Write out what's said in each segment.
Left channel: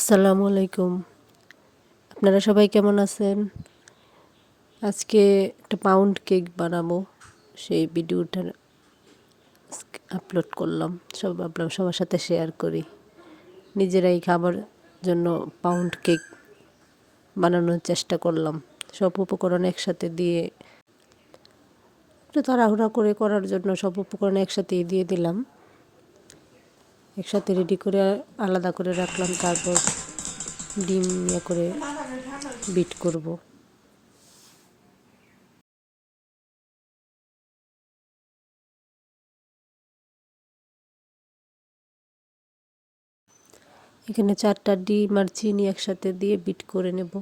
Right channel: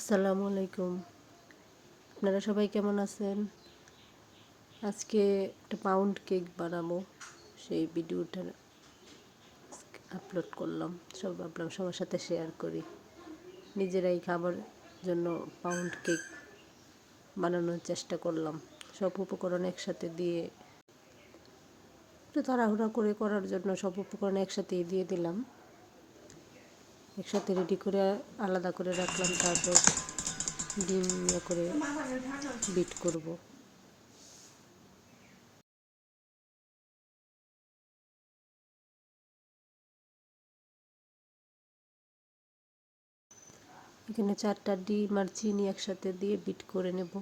আসসালামু আলাইকুম। আপনারা সবাই কেমন আছেন? আজকে একটা পাউন্ড কেক বানাবো। সেই ভিডিওটা আপলোড করলাম। সব ভাবলাম সবার সাথে শেয়ার করি। নিজেরাই খাবার জন্য পাউন্ড কেক বানানোর চেষ্টা করলাম। সব উপকরণ একসাথে দিয়ে একটু তাড়াহুড়া করে করার জন্য সব উপকরণ একসাথেই দিয়ে দিলাম। একসাথে রেডি করে আলাদা করে রাখলাম, তারপর ডিম ইয়ে করে বিট করব। এখানে চারটা ডিম আর চিনি একসাথে দিয়ে বিট করে নেব।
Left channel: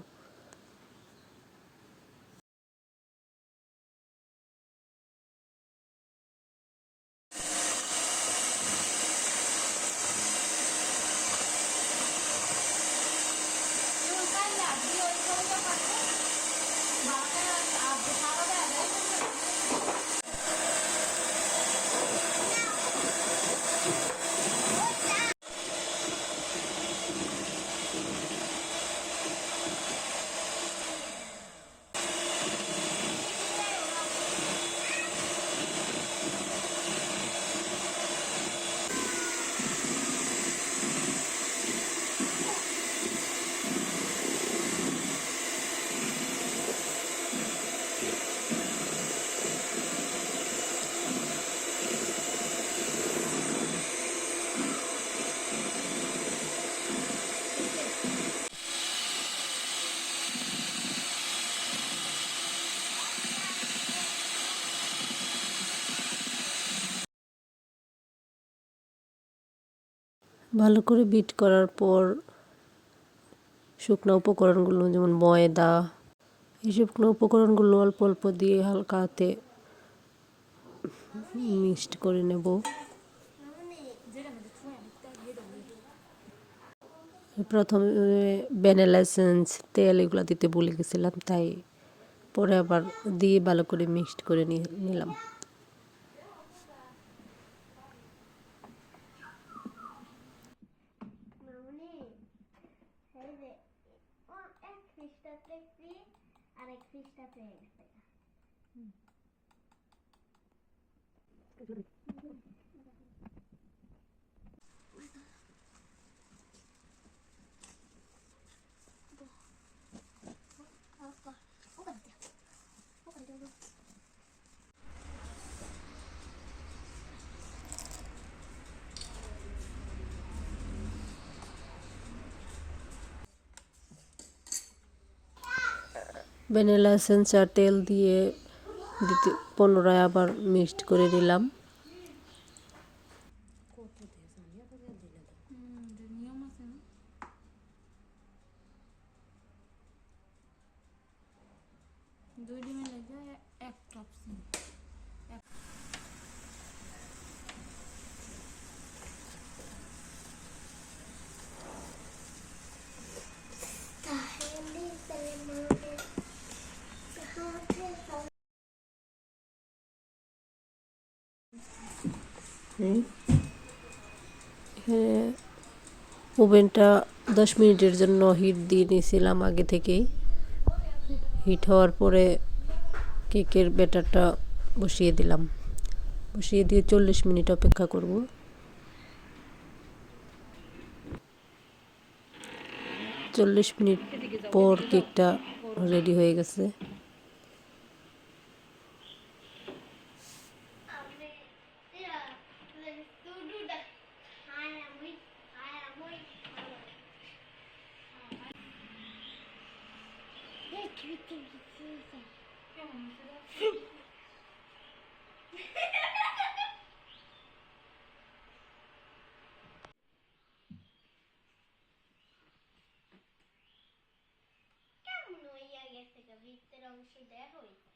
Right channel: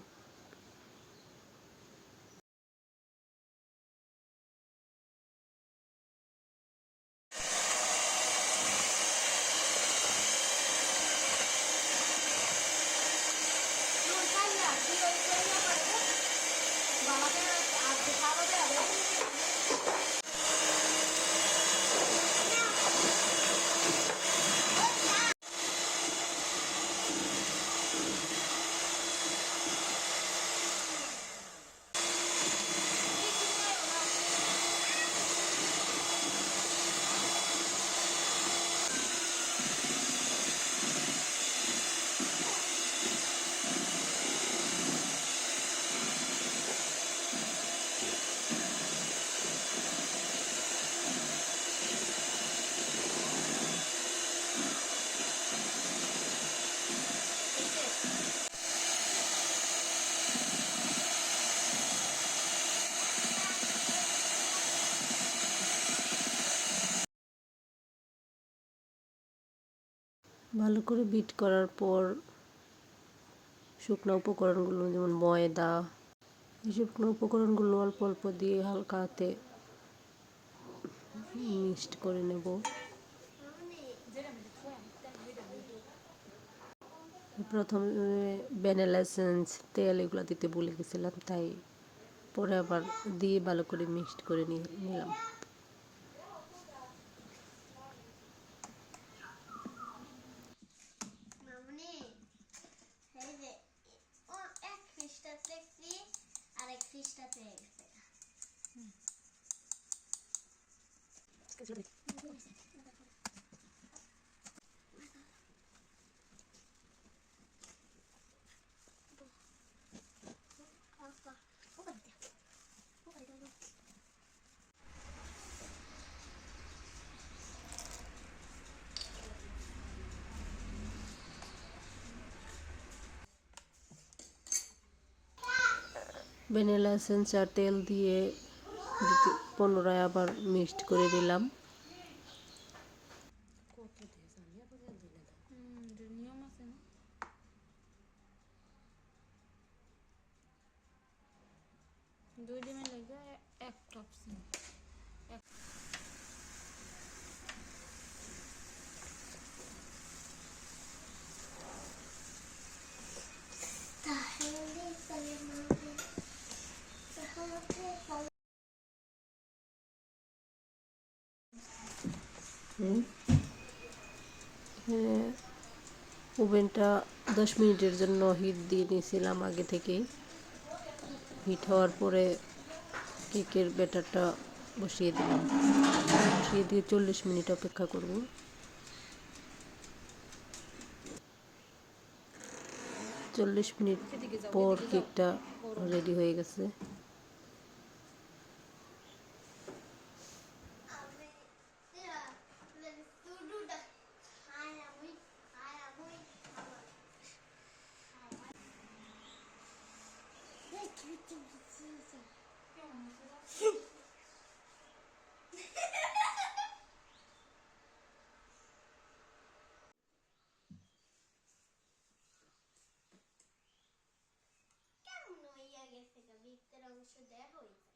ভালো করে বিট করার পর শুকনো উপকরণগুলো, যেমন ময়দা, এই শুকনো উপকরণগুলো অল্প অল্প দিয়ে হালকা হাতে মিক্সড করে নেব। প্রথমে ভ্যানিলা তেল এগুলো দিতে ভুলে গেছিলাম, তাই পরে আবার দিয়ে ভালো করে মিক্সড করে নিলাম ফিশটাতে গেছে ভ্যানিলা এসেন্স আর তেল দিয়ে দিতে পুনরায় আবার মিক্সড করে দিলাম। দুই ডিমের লেগে এক কাপ ওভেনটা দশ মিনিটের জন্য হিট দিয়ে নিয়েছিলাম আগে থেকেই। হিট হওয়ার পরে কেকের ব্যাটারটা বসিয়ে দিলাম। বসিয়ে দিয়ে চল্লিশ মিনিট অপেক্ষা করব। চল্লিশ মিনিট পর কেকটা রেডি হয়ে গেছে। কেমন হইয়া গেছে ভিতরের অংশ দেয়া হয়েছে